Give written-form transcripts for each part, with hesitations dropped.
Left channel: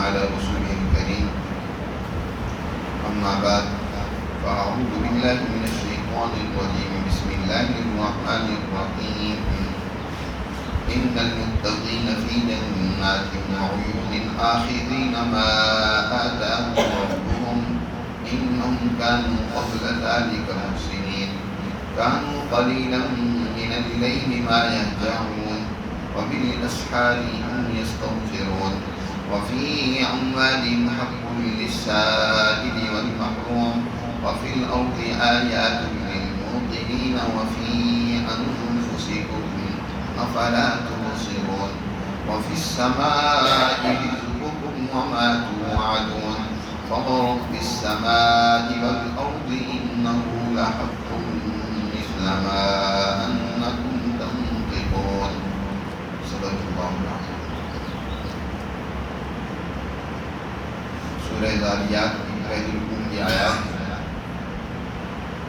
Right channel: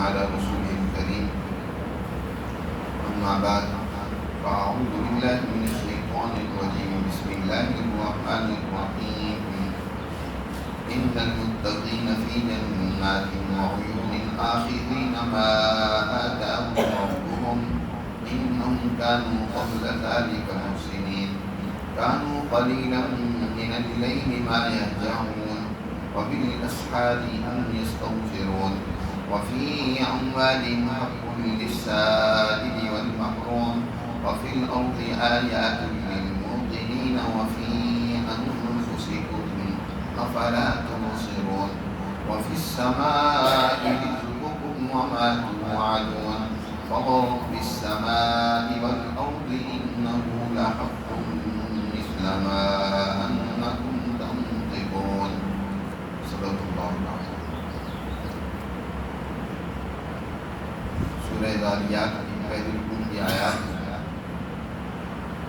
على رسوله الكريم أما بعد فأعوذ بالله من الشيطان الرجيم بسم الله الرحمن الرحيم إن المتقين في جنات وعيون آخذين ما آتاهم ربهم إنهم كانوا قبل ذلك محسنين كانوا قليلا من الليل ما يهجعون وبالأسحار هم يستغفرون وفي أموالهم حق للسائل والمحروم وفي الأرض آيات للموقنين وفي أنفسكم أفلا تبصرون وفي السماء رزقكم وما توعدون فورب السماء والأرض إنه لحق مثل ما أنكم تنطقون صدق الله العظيم۔ سورہ ذاریات کی قید القوم کی آیات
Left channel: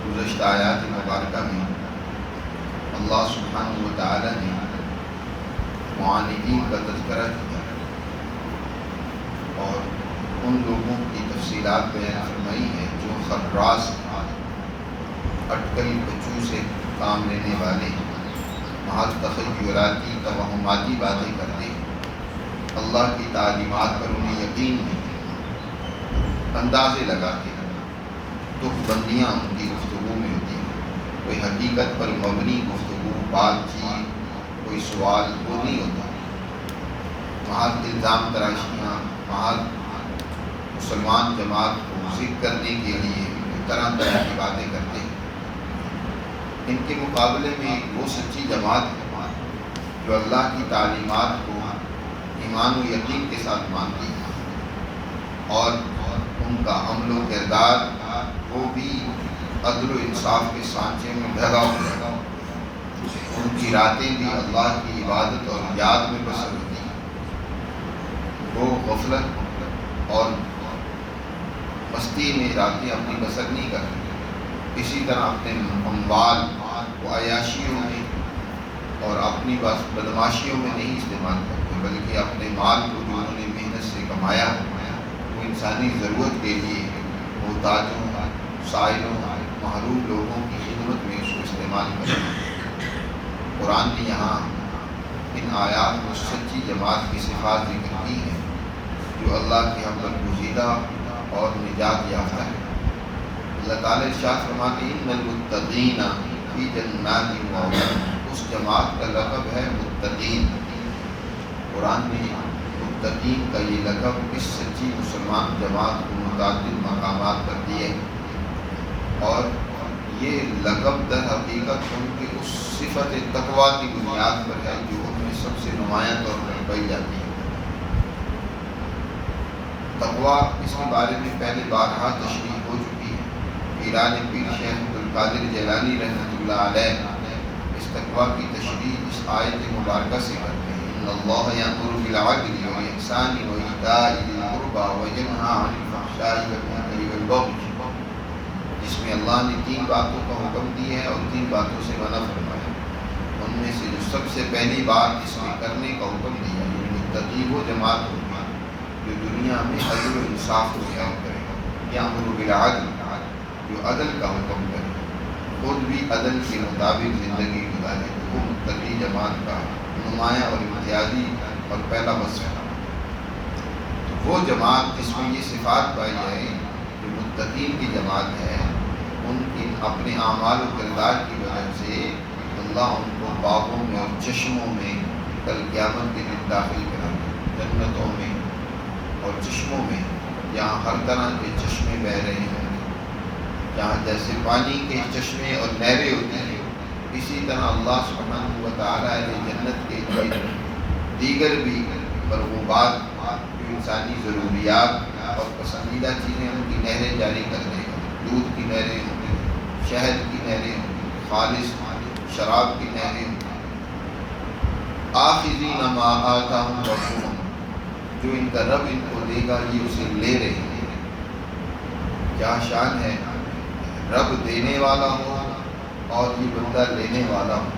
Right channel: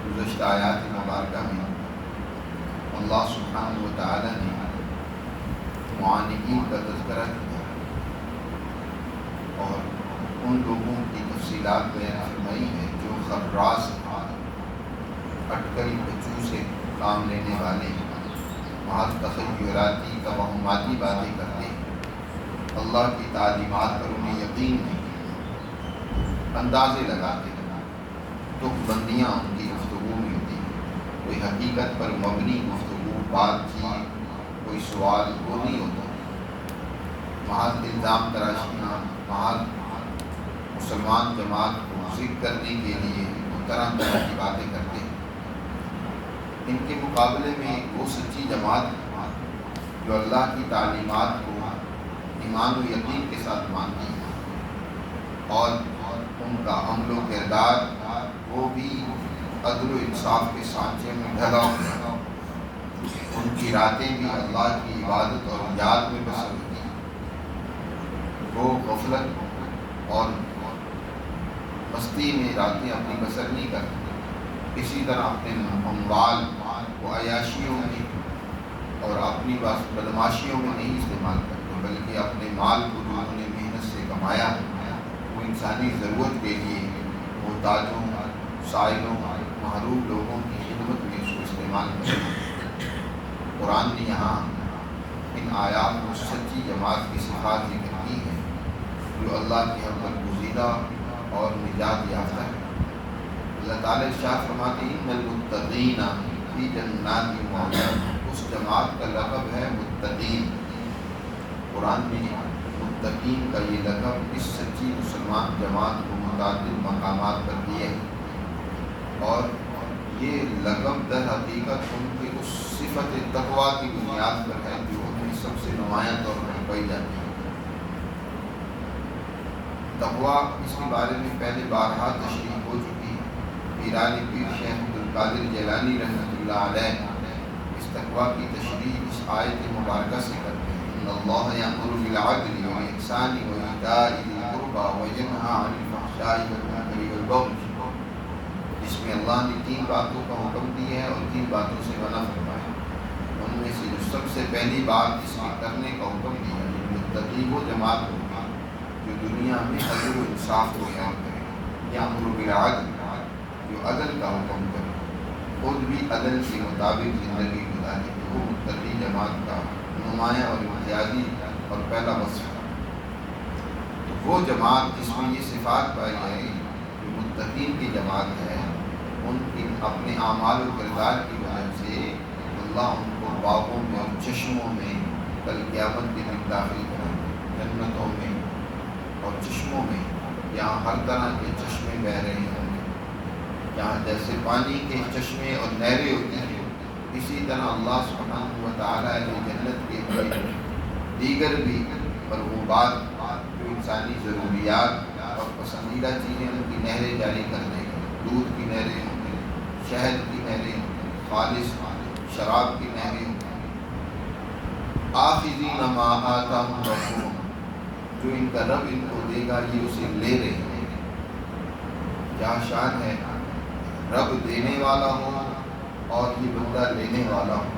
گزشتہ آیات مبارکہ میں اللہ سبحانہ و تعالی نے معاندین کا تذکرہ کیا اور ان لوگوں کی تفصیلات بیان فرمائی ہے جو خراس اٹکل بچوں سے کام لینے والے محض تخیلاتی توہماتی باتیں کرتے ہیں، اللہ کی تعلیمات پر انہیں یقین نہیں، اندازے لگاتے ہیں، تک بندیاں ان کی گفتگو میں ہوتی ہیں، کوئی حقیقت پر مبنی گفتگو بات چیت کوئی سوال وہ نہیں ہوتا، محض الزام تراشیاں، محض مسلمان جماعت کو ذکر کرنے کے لیے طرح طرح کی باتیں کرتے ہیں۔ ان کے مقابلے میں وہ سچی جماعت ہے جو اللہ کی تعلیمات کو ایمان و یقین کے ساتھ مانتی ہے اور ان کا عمل و کردار وہ بھی عدل و انصاف کے سانچے میں ڈھلا ہوا ہے، ان کی راتیں بھی اللہ کی عبادت اور یاد میں بسر ہوتی ہیں، وہ غفلت اور مستی میں راتیں اپنی بسر نہیں کرتے، اسی طرح اپنے اموال کو عیاشیوں میں اور اپنی بدماشیوں میں نہیں استعمال کرتے، بلکہ اپنے مال کو جو انہوں نے محنت سے کمایا وہ انسانی ضرورت کے لیے محتاجوں سائلوں محروم لوگوں کی خدمت میں اس کو استعمال کرتے۔ قرآن نے یہاں ان آیات میں سچی جماعت کی صفات ذکر کی ہیں جو اللہ کی حمد الگزیدہ اور نجات یافتہ ہے۔ اللہ تعالیٰ ارشاد فرماتے ہیں ان المتقین فی جنات وعیون، اس جماعت کا لقب ہے متقین۔ قرآن نے متقین کا یہ لقب اس سچی مسلمان جماعت کو متعدد مقامات پر دیے اور یہ لقب در حقیقت ان کی اس صفت تقویٰ کی بنیاد پر ہے جو ان میں سب سے نمایاں طور پر پائی جاتی ہے۔ تقویٰ اس کے بارے میں پہلے بارہا تشریح ہو چکی ہے۔ پیران پیر شیخ عبدالقادر جیلانی رحمۃ اللہ علیہ اس تقویٰ کی تشریح اس آیت مبارکہ سے کرتے ہیں، ان اللہ یأمر بالعدل والإحسان وإیتاء ذی القربى وینہی عن الفحشاء والمنکر والبغی، جس میں اللہ نے 3 باتوں کا حکم دیا ہے اور 3 باتوں سے منع فرمایا، ان میں سے جو سب سے پہلی بات اس کے کرنے کا حکم دیا ہے متقی وہ جماعت ہوگی جو دنیا میں عدل و انصاف کو قائم کرے، یأمر بالعدل جو عدل کا حکم کرے، خود بھی عدل کے مطابق زندگی گزارے، وہ متقی جماعت کا نمایاں اور امتیازی اور پہلا وصف ہے۔ تو وہ جماعت جس میں یہ صفات پائی جائے جو متقین کی جماعت ہے، ان کی اپنے اعمال و کردار کی وجہ سے اللہ ان کو باغوں میں اور چشموں میں کل قیامت کے دن داخل کریں گے، جنتوں میں اور چشموں میں، جہاں ہر طرح کے چشمے بہہ رہے ہوں گے، جہاں جیسے پانی کے چشمے اور نہریں ہوتی ہیں، اسی طرح اللہ سبحانہ و تعالیٰ نے جنت کے لیے دیگر بھی مرغوبات جو انسانی ضروریات اور پسندیدہ چیزیں ان کی نہریں جاری کر دے گا، دودھ کی نہریں ہوں گی، شہد کی نہریں ہوں گی، خالص شراب کی نہریں ہوں گی، آخذین ما آتاہم ربہم، جو ان کا رب ان کو دے گا یہ اسے لے رہے ہیں۔ کیا شان ہے، رب دینے والا ہو اور یہ بندہ لینے والا ہو،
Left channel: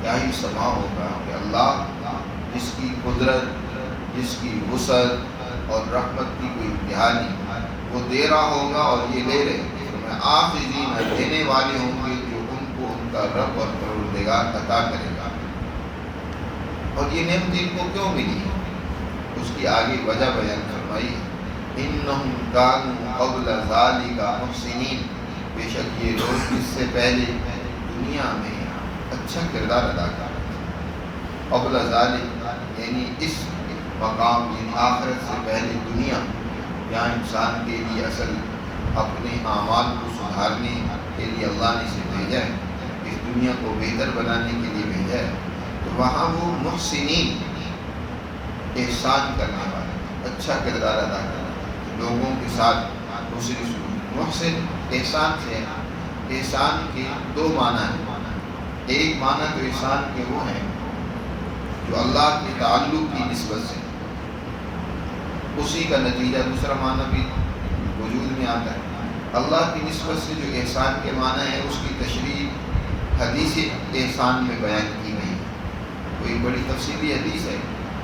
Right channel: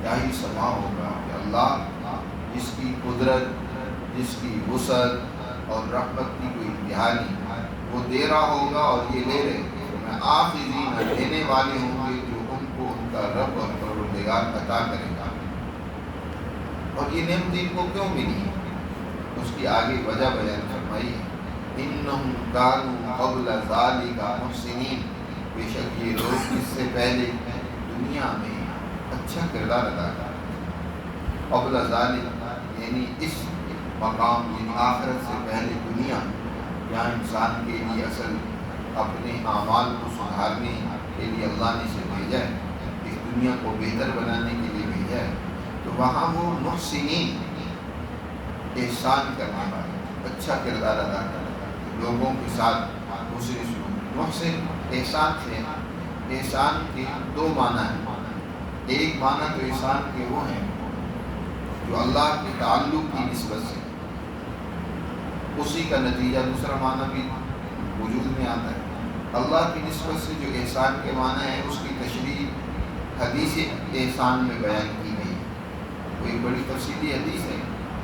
کیا ہی سما ہوگا کہ اللہ جس کی قدرت، جس کی وسعت اور رحمت کی کوئی انتہا نہیں، وہ دے رہا ہوگا اور یہ لے رہے ہیں۔ میں آخذین دینے والے ہوں گے جو ان کو ان کا رب اور پروردگار عطا کرے گا۔ اور یہ نعمت ان کو کیوں ملی؟ اس کی آگے وجہ بیان فرمائی ہے، انہم کانوا قبل ذالک محسنین، بے شک یہ لوگ اس سے پہلے دنیا میں اچھا کردار ادا کرتے ہیں۔ قبل ذالک یعنی اس مقام، یعنی آخرت سے پہلے دنیا، جہاں انسان کے لیے اصل اپنے اعمال کو سدھارنے کے لیے اللہ نے اسے بھیجا ہے، اس دنیا کو بہتر بنانے کے لیے بھیجا ہے، تو وہاں وہ محسنین، احسان کرنے والے، اچھا کردار ادا کرنے والے، لوگوں کے ساتھ حسن سلوک۔ محسن احسان سے، احسان کے دو معنی ہیں۔ ایک معنی تو احسان کے وہ ہیں جو اللہ کے تعلق کی نسبت سے، اسی کا نتیجہ دوسرا معنی بھی وجود میں آتا ہے۔ اللہ کی نسبت سے جو احسان کے معنی ہے، اس کی تشریح حدیث احسان میں بیان کی گئی ہے۔ کوئی بڑی تفصیلی حدیث ہے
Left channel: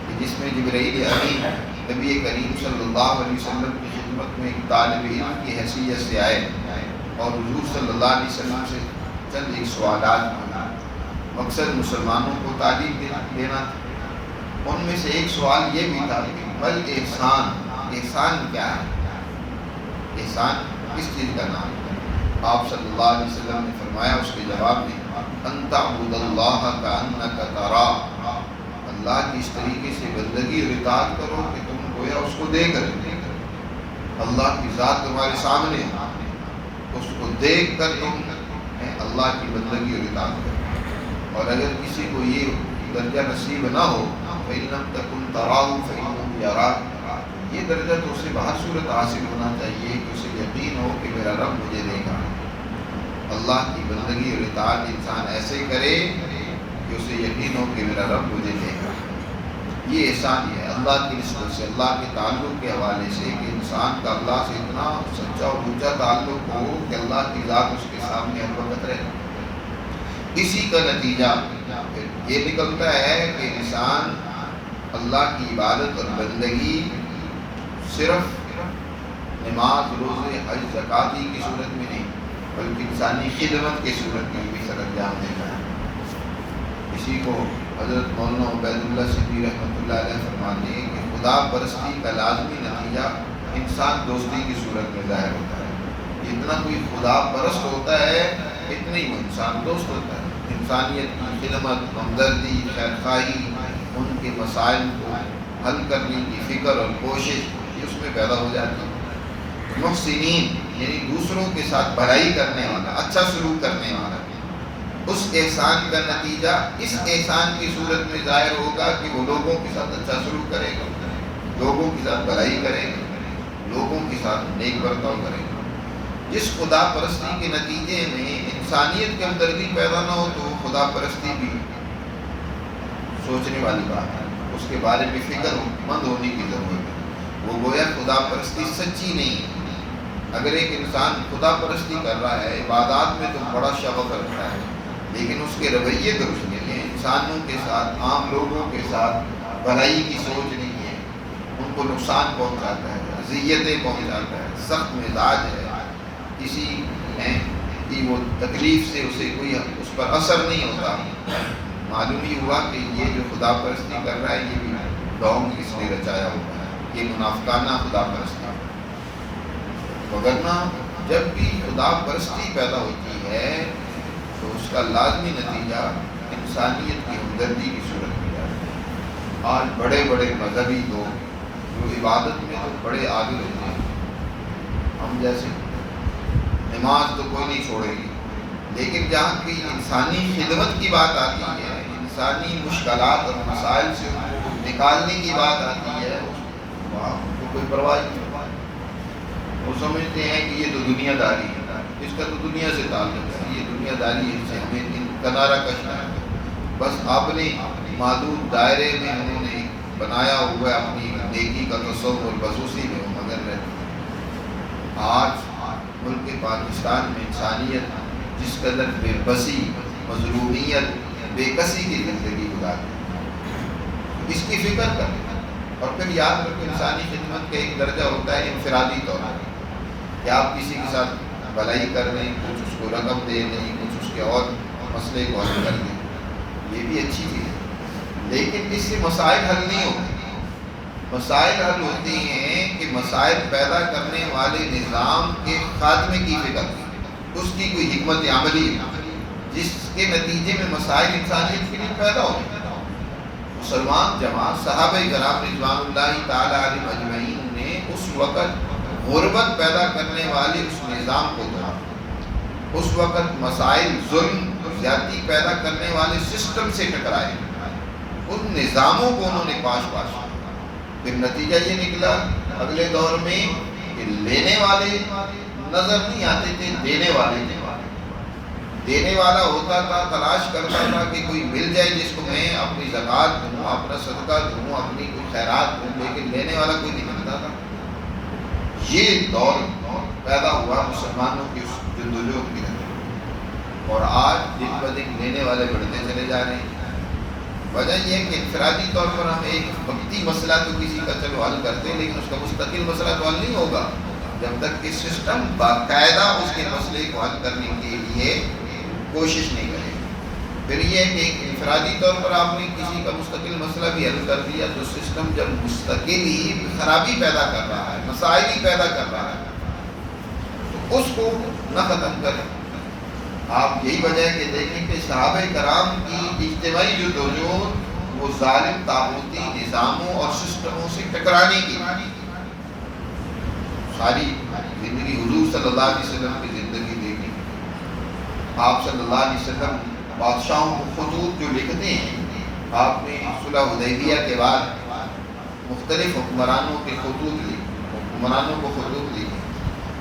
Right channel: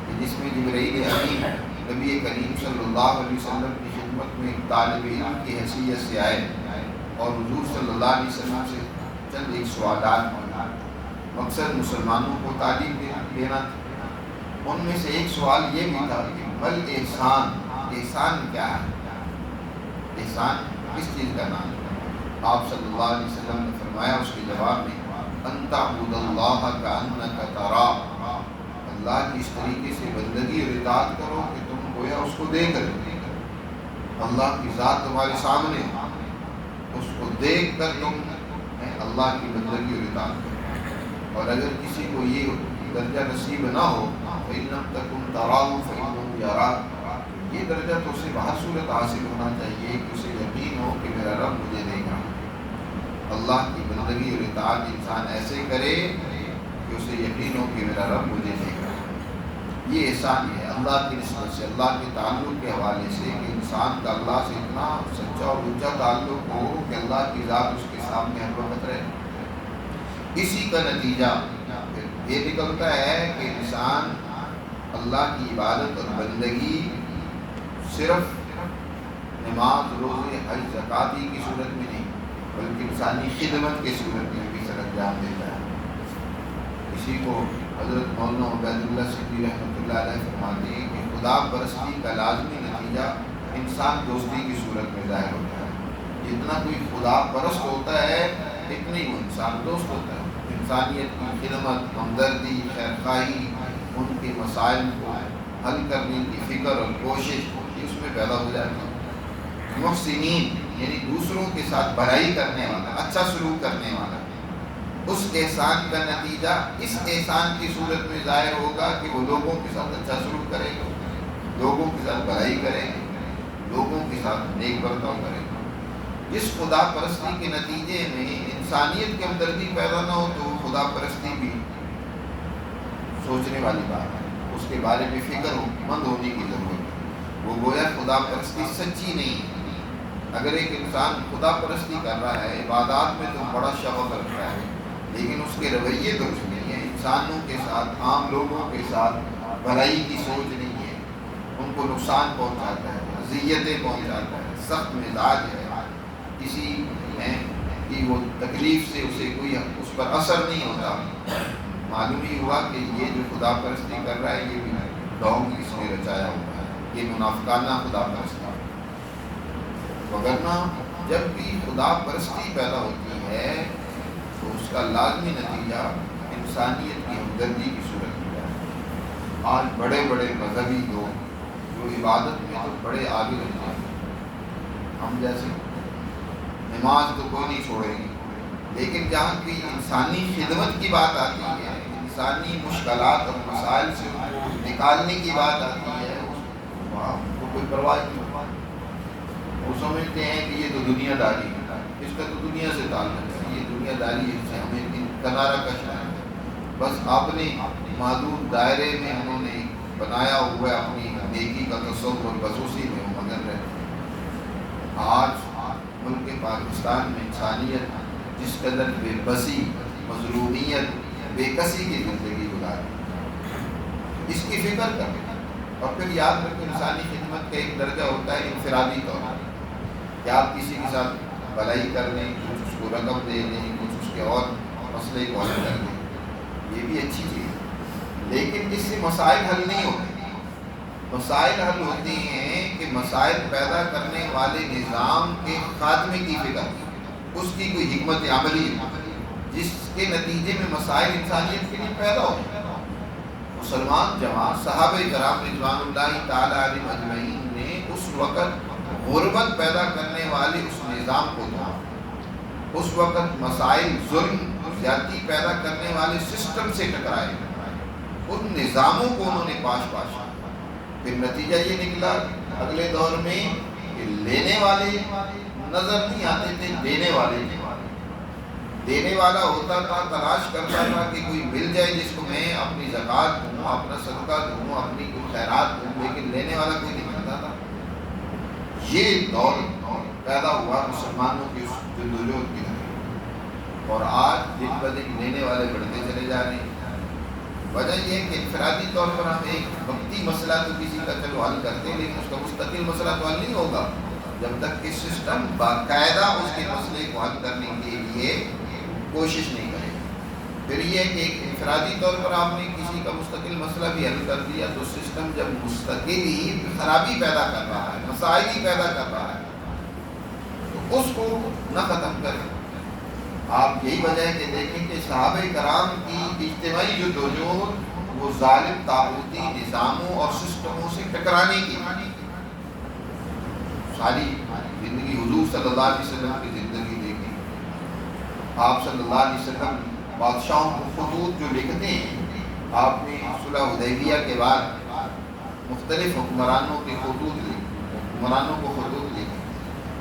کہ جس میں جبرائیل امین نبی کریم صلی اللہ علیہ وسلم کی خدمت میں ایک طالب علم کی حیثیت سے آئے اور حضور صلی اللہ علیہ وسلم سے چند ایک سوالات کیے۔ مقصد مسلمانوں کو تعلیم دینا تھا۔ ان میں سے ایک سوال یہ بھی تھا کہ بل احسان، احسان کیا ہے؟ احسان کس چیز کا نام ہے؟ آپ صلی اللہ علیہ وسلم نے فرمایا اس کے جواب میں، ان تعبد اللہ کأنک تراہ، اللہ کی اس طریقے سے بندگی اور اطاعت کرو کہ تم گویا اس کو دیکھ رہے ہو، اللہ کی ذات تمہارے سامنے ہے، اس کو دیکھ کر تم اللہ کی بندگی اور اطاعت کرو۔ اور اگر کسی کو یہ درجہ نصیب نہ ہو، فَإِن لَمْ تَكُنْ تَرَاهُ فَإِنَّهُ يَرَاكَ، یہ درجہ تو اسے بہر صورت حاصل ہونا چاہیے کہ اسے یقین ہو کہ میرا رب مجھے دیکھ رہا ہے۔ اللہ کی بندگی اور اطاعت انسان ایسے کرے کہ اسے یقین ہو کہ میرا رب مجھے دیکھ رہا ہے۔ یہ احسان ہے اللہ کی نسبت سے، اللہ کے تعلق کے حوالے سے، کہ انسان کا اللہ سے اتنا سچا اور اونچا تعلق ہو کہ اللہ کی ذات اس کے سامنے ہر وقت رہے۔ اسی کا نتیجہ یہ نکلتا ہے کہ انسان اللہ کی عبادت اور بندگی صرف نماز، روزے، حج، زکوٰۃ کی صورت میں نہیں، بلکہ انسانی خدمت کی صورت میں بھی سر انجام دیتا ہے۔ اسی کو حضرت مولانا عبید اللہ صدیقی رحمۃ اللہ علیہ فرماتے ہیں کہ خدا پرستی کا لازمی نتیجہ انسان دوستی کی صورت میں ظاہر ہوتا ہے۔ جتنا کوئی خدا پرست ہوتا ہے اتنا ہی وہ انسان دوست ہوتا ہے۔ انسانیت کی خدمت، ہمدردی، خیرخواہی، ان کے مسائل کو حل کرنے کی فکر اور کوشش یہ اس میں پیدا ہو جاتی ہے۔ محسنین یعنی دوسروں کے ساتھ بھلائی کرنے والا، اچھا سلوک کرنے والا، اس احسان کا نتیجہ اس احسان کی صورت میں ظاہر ہوگا کہ وہ لوگوں کے ساتھ اچھا سلوک کرے گا، لوگوں کے ساتھ بھلائی کرے گا، لوگوں کے ساتھ نیک برتاؤ کرے گا۔ جس خدا پرستی کے نتیجے میں انسانیت کی ہمدردی پیدا نہ ہو تو خدا پرستی بھی سوچنے والی بات ہے، اس کے بارے میں فکر مند ہونے کی ضرورت ہے۔ وہ گویا خدا پرستی سچی نہیں ہے۔ اگر ایک انسان خدا پرستی کر رہا ہے، عبادات میں تو بڑا شغف رکھتا ہے، لیکن اس کے رویے درست نہیں ہیں، انسانوں کے ساتھ، عام لوگوں کے ساتھ بھلائی کی سوچ نہیں ہے، ان کو نقصان پہنچاتا ہے، اذیتیں پہنچاتا ہے، سخت مزاج ہے، کسی کی وہ تکلیف سے اسے کوئی اس پر اثر نہیں ہوتا، معلوم ہی ہوا کہ یہ جو خدا پرستی کر رہا ہے یہ بھی ڈھونگ اس نے رچایا ہوا ہے، یہ منافقانہ خدا پرستی ہے۔ وگرنہ جب بھی خدا پرستی پیدا ہوتی ہے تو اس کا لازمی نتیجہ انسانیت کی ہمدردی کی صورت میں جاتا ہے۔ آج بڑے بڑے مذہبی لوگ جو عبادت میں تو بڑے عابد ہوتے ہیں، ہم جیسے نماز تو کوئی نہیں چھوڑے گی، لیکن جہاں کی انسانی خدمت کی بات آتی ہے، انسانی مشکلات اور مسائل سے ان کو نکالنے کی بات آتی ہے، وہاں ان کو کوئی پرواہ نہیں ہوتا۔ وہ سمجھتے ہیں کہ یہ تو دنیا داری ہے، اس کا تو دنیا سے تعلق ہے، یہ دنیا داری سے ہمیں کنارہ کشنا ہے۔ بس اپنے محدود دائرے میں انہوں نے بنایا ہوا اپنی نیکی کا تصور، بس اسی میں وہ مگن رہتے ہیں۔ آج ملک پاکستان میں انسانیت جس قدر بے بسی، مظلومیت، بے کسی کی زندگی گزارتی ہے، اس کی فکر کریں۔ اور پھر یاد رکھو انسانی خدمت کا ایک درجہ ہوتا ہے انفرادی طور پر، کہ آپ کسی کے ساتھ بھلائی کر دیں، کچھ اس کو رقم دے دیں، کچھ اس کے اور مسئلے کو حل کر دیں، یہ بھی اچھی چیز ہے، لیکن اس سے مسائل حل نہیں ہوتے۔ مسائل حل ہوتے ہیں کہ مسائل پیدا کرنے والے نظام کے خاتمے کی فکر، اس کی کوئی حکمت عملی ہے جس کے نتیجے میں مسائل انسانیت کے لیے پیدا ہو۔ مسلمان جماعت صحابہ کرام رضوان اللہ تعالی علیہم اجمعین نے اس وقت غربت پیدا کرنے والے اس نظام کو توڑا، اس وقت مسائل ظلم زیادتی پیدا کرنے والے سسٹم سے ٹکرائے، ان نظاموں کو انہوں نے پاش کیا۔ پھر نتیجہ یہ نکلا اگلے دور میں کہ لینے والے نظر نہیں آتے تھے، دینے والے تھے۔ دینے والا ہوتا تھا، تلاش کرتا تھا کہ کوئی مل جائے جس کو میں اپنی زکوٰۃ دوں، اپنا صدقہ دوں، اپنی کوئی خیرات دوں، لیکن لینے والا کوئی نہیں ملتا تھا۔ یہ دور پیدا ہوا مسلمانوں کی اس جدوجہد کی نتیجہ، اور آج دن بدن لینے والے بڑھتے چلے جا رہے ہیں۔ وجہ یہ ہے کہ انفرادی طور پر ہم ایک وقتی مسئلہ تو کسی کا چلو حل کرتے ہیں، لیکن اس کا مستقل مسئلہ تو حل نہیں ہوگا جب تک کہ سسٹم باقاعدہ اس کے مسئلے کو حل کرنے کے لیے کوشش نہیں کرے۔ پھر یہ ہے کہ ایک انفرادی طور پر آپ نے کسی کا مستقل مسئلہ بھی حل کر دیا تو سسٹم جب مستقل ہی خرابی پیدا کر رہا ہے، مسائل ہی پیدا کر رہا ہے، تو اس کو نہ ختم کریں۔ آپ یہی وجہ ہے کہ دیکھیں کہ صحابہ کرام کی اجتماعی جدوجہد وہ ظالم طاغوتی نظاموں اور سسٹموں سے ٹکرانے کی ساری زندگی حضور صلی اللہ علیہ وسلم کی زندگی دیکھیں۔ آپ صلی اللہ علیہ وسلم بادشاہوں کو خطوط جو لکھتے ہیں، آپ نے صلح حدیبیہ کے بعد مختلف حکمرانوں کے خطوط لکھے، حکمرانوں کو خطوط لکھے،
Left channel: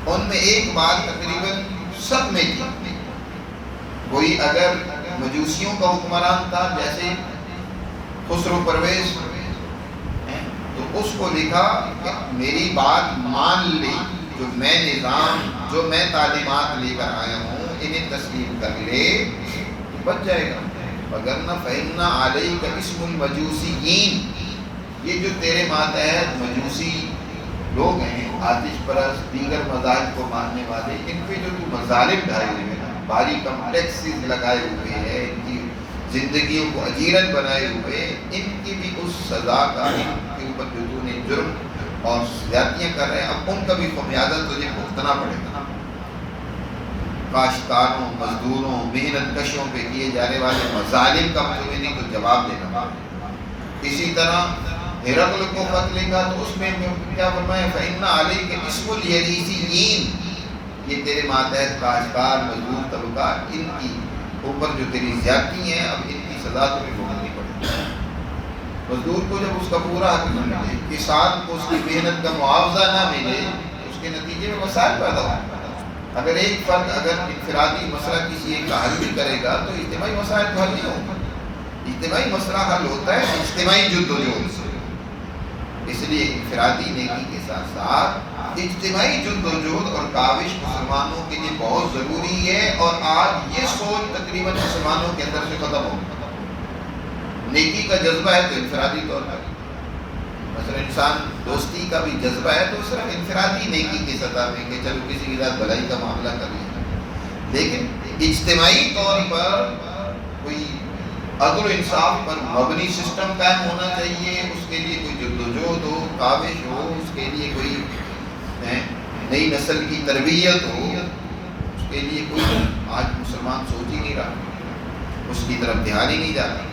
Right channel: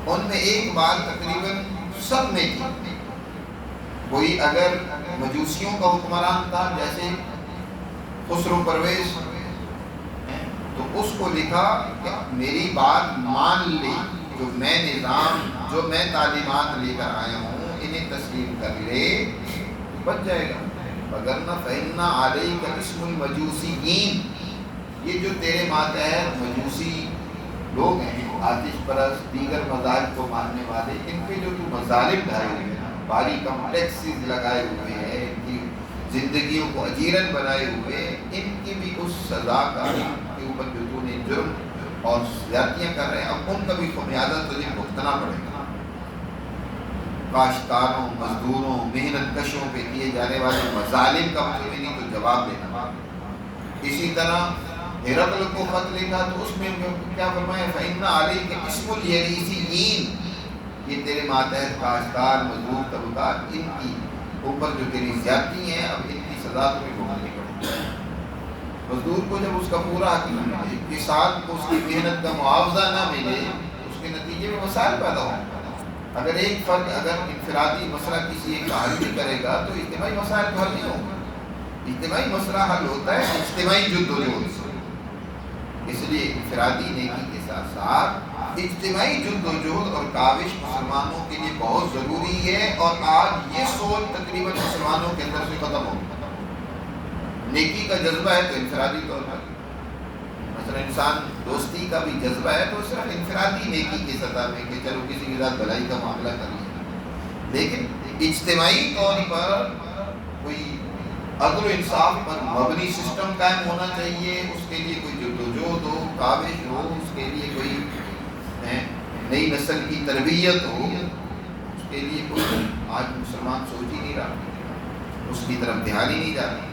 ان میں ایک بات تقریباً سب میں تھی۔ کوئی اگر مجوسیوں کا حکمران تھا جیسے خسرو پرویز، تو اس کو لکھا کہ میری بات مان لے، جو میں نظام، جو میں تعلیمات لے کر آیا ہوں انہیں تسلیم کر لے تو بچ جائے گا، وگرنہ فإن علیک اسم المجوسیین، یہ جو تیرے ماتحت مجوسی لوگ ہیں، آتش پرست، دیگر مذاہب کو ماننے والے، ان پہ جو تو مظالم ڈھائے ہوئے ہیں، بھاری کمپلیکسز لگائے ہوئے ہیں، ان کی زندگیوں کو اجیرن بنائے ہوئے، ان کی بھی اس سزا کا، ان کے اوپر جو تو نے جرم اور زیادتیاں کر رہے ہیں، اب ان کا بھی خمیازہ تجھے بھگتنا پڑے گا۔ کاشتکاروں، مزدوروں، محنت کشوں پہ کیے جانے والے مظالم کا تمہیں نہیں تو جواب دینا پڑے گا۔ اسی طرح ہرقل کو خط لکھا تو اس میں کیا فرمایا، فإن علیک اسم الیریسیین، یہ تیرے ماتحت کاشتکار، مزدور طبقات، ان کی اوپر جو تیری زیادتی ہیں، اب ان کی سزا تمہیں بھگتنی پڑے گی۔ مزدور کو جب اس کا پورا حق نہ ملے، کسان کو اس کی محنت کا معاوضہ نہ ملے، اس کے نتیجے میں مسائل پیدا ہوں۔ اگر ایک فرد اگر انفرادی مسئلہ کسی ایک کا حل نہیں کرے گا تو اجتماعی مسائل تو حل نہیں ہوں گے۔ اجتماعی مسئلہ حل ہوتا ہے اجتماعی جدوجہد سے، اس لیے انفرادی نیکی کے ساتھ ساتھ اجتماعی جدوجہد اور کاوش مسلمانوں کے لیے بہت ضروری ہے، اور آج یہ سوچ تقریباً مسلمانوں کے اندر سے ختم ہو گئی۔ نیکی کا جذبہ ہے تو انفرادی طور پر، مثلا انسان دوستی کا بھی جذبہ ہے تو صرف انفرادی نیکی کی سطح میں کہ چلو کسی کے ساتھ بھلائی کا معاملہ کر لیا، لیکن اجتماعی طور پر کوئی عدل و انصاف پر مبنی سسٹم قائم ہونا چاہیے، اس کے لیے کوئی جدوجہد ہو، کاوش ہو، اس کے لیے کوئی نئی نسل کی تربیت ہو، اس کے لیے کوئی آج مسلمان سوچ ہی نہیں رہا، اس کی طرف دھیان ہی نہیں جاتا۔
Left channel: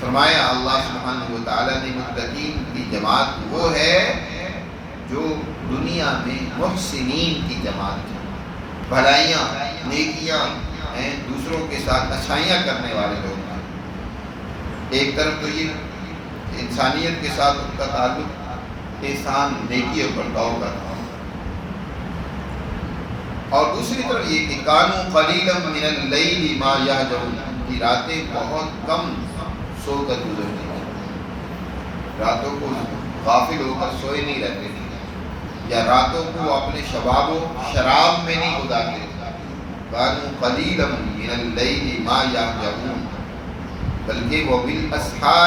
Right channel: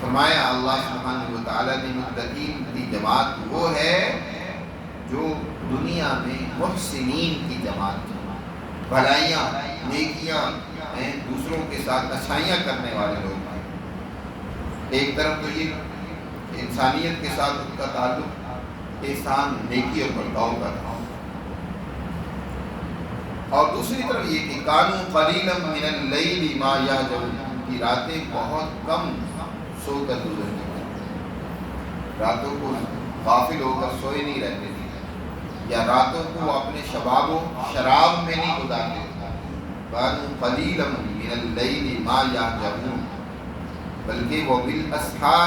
فرمایا اللہ سبحانہ و تعالیٰ نے متقین کی جماعت وہ ہے جو دنیا میں محسنین کی جماعت ہے، بھلائیاں، نیکیاں ہیں، دوسروں کے ساتھ اچھائیاں کرنے والے لوگ ہیں۔ ایک طرف تو یہ کہ انسانیت کے ساتھ ان کا تعلق احسان، نیکی اور برتاؤ کا تھا، اور دوسری طرف یہ کہ کانوا قلیلا من اللیل ما یہجعون، ان کی راتیں بہت کم سو کر گزرتی تھیں، راتوں کو غافل ہو کر سوئے نہیں رہتے تھے، یا راتوں کو اپنے شباب و شراب میں نہیں گزارتے تھے۔ کانوا قلیلا من اللیل ما یہجعون، بلکہ وہ بالاسحار